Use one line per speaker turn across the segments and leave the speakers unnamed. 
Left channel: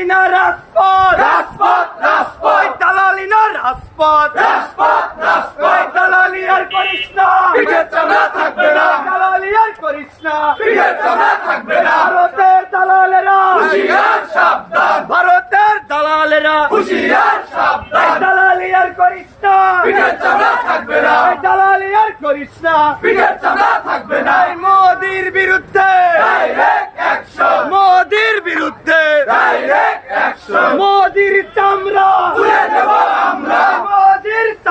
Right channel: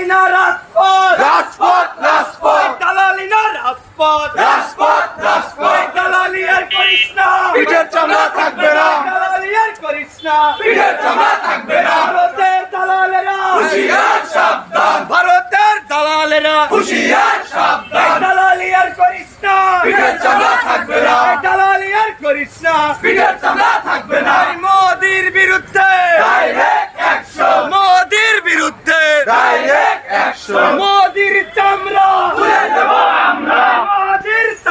দালালি না রাজপথ।
রাজপথ রাজপথ।
দালালি না রাজপথ।
রাজপথ রাজপথ।
দালালি আর করিস না
পিঠের চামড়া থাকবে না।
দালালি আর করিস না
পিঠের চামড়া থাকবে না।
ভারতের দালালেরা।
হুশিয়ার সাবধান।
ভারতের দালালেরা।
হুশিয়ার সাবধান।
দালালি আর করিস না
পিঠের চামড়া থাকবে না।
দালালি আর করিস না
পিঠের চামড়া থাকবে না।
মোদির বিরুদ্ধে
ডাইরেক্ট অ্যাকশন
মোদির বিরুদ্ধে
ডাইরেক্ট অ্যাকশন
মোদির চামড়া
তুলে নেব আমরা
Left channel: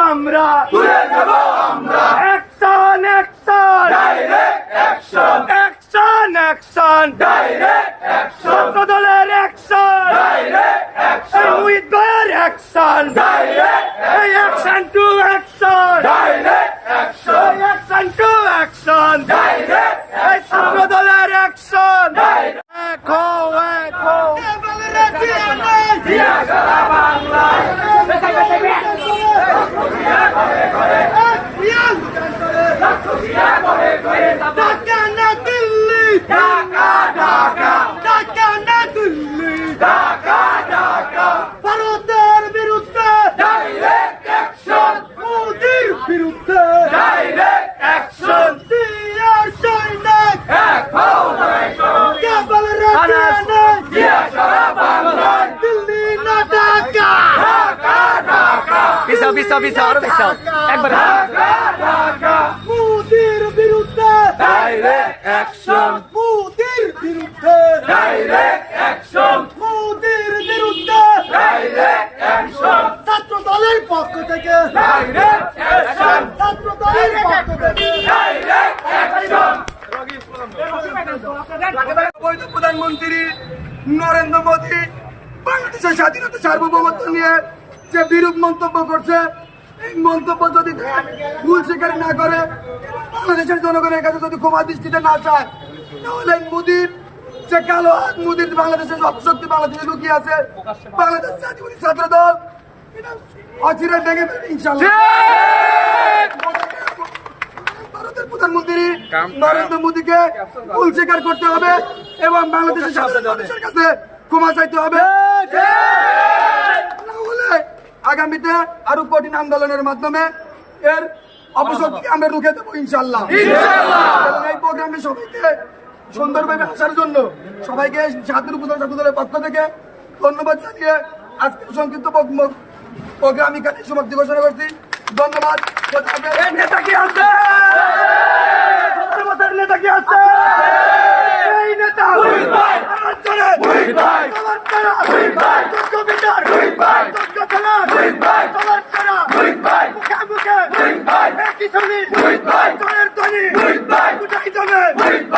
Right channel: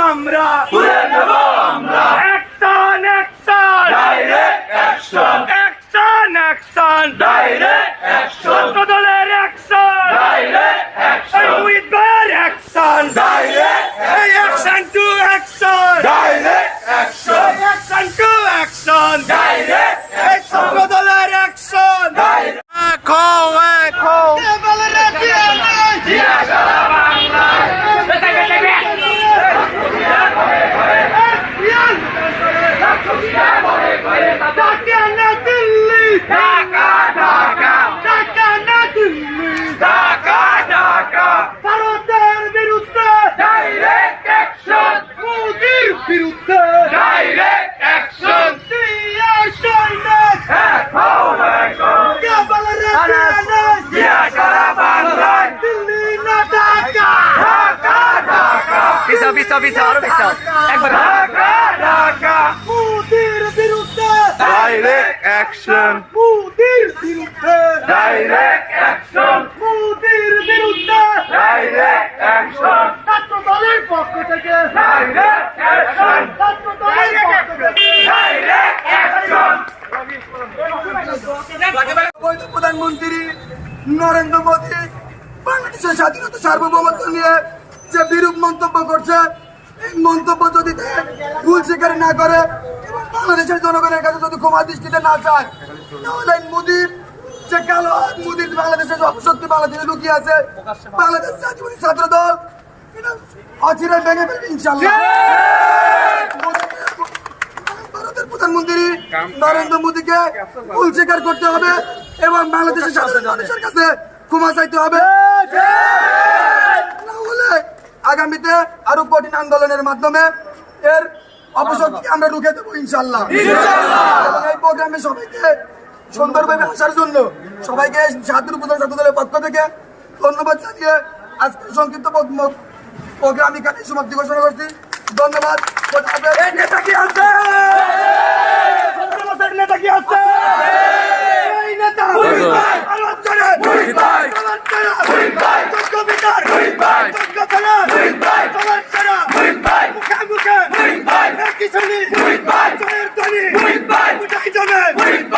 চামড়া
তুলে নেব আমরা।
Action action
direct action
action action
direct action
বদলের action
direct action
with buyer action
direct
action to action
direct action
action to action
direct
এই ছাত্র দলের অ্যাকশন
ডাইরেক্ট
দেখো দেখো
জিয়া সারা বাংলা ঢাকা ঢাকা ঢাকা ঢাকা
ভারতের বিরুদ্ধে
ডাইরেক্ট অ্যাকশন
মোদির বিরুদ্ধে
ডাইরেক্ট অ্যাকশন
দিয়া সৈনিক
এক হও এক হও
কেবল রেখে
জিয়া সারা বাংলায়
দিল্লি না ঢাকা
ঢাকা
পিছাও পিছাও পিছাও আরও পিছাও একবার।
ঢাকা ঢাকা।
মোদির বিরুদ্ধে।
ডাইরেক্ট অ্যাকশন
মোদির বিরুদ্ধে।
ডাইরেক্ট অ্যাকশন
মোদির বিরুদ্ধে।
ডাইরেক্ট অ্যাকশন
ছাত্র দলের পক্ষ থেকে।
ডাইরেক্ট অ্যাকশন
ছাত্র দলের পক্ষ থেকে।
ডাইরেক্ট অ্যাকশন
বৈধ প্রধানমন্ত্রী নরেন্দ্র মোদী বাংলাদেশের স্বাধীনতা সার্বভৌমত্ব নিয়ে যে বিরূপ মন্তব্য করছে এই মন্তব্য যদি ভুল স্বীকার না করে এবং বাংলাদেশের জনগণের কাছে যদি ক্ষমা দৃষ্টিতে না চায় তাহলে মোদীর যে কালো মোদীর বাংলাদেশের অপশক্তি বাংলাদেশে লুকিয়ে আছে বাংলাদেশ জাতীয়বাদী ছাত্র দল এটা অচিরে ভেঙে ফেলবে ইনশাল্লাহ ভারতের প্রধানমন্ত্রী নরেন্দ্র মোদীকে ভুল স্বীকার করতে হবে এবং বাংলাদেশের সাধারণ মানুষের কাছে ক্ষমা চাইতে হবে। আগামীতে আরও কঠিন আন্দোলনের মাধ্যমে এর অপশক্তিকে আমরা রুখে দেবো ইনশাল্লাহ এবং এই প্রোগ্রামে সবাইকে সুন্দরভাবে আসার জন্য সবাইকে ছাত্র উপজেলা ছাত্র দলের পক্ষ থেকে ধন্যবাদ জানিয়ে আজকে সংক্ষিপ্ত প্রোগ্রাম এখানে সমাপ্তি ঘোষণা করছি। ধন্যবাদ
এই নেতা কি আছে?
নেতা কি আছে? এই নেতা Weitermachen!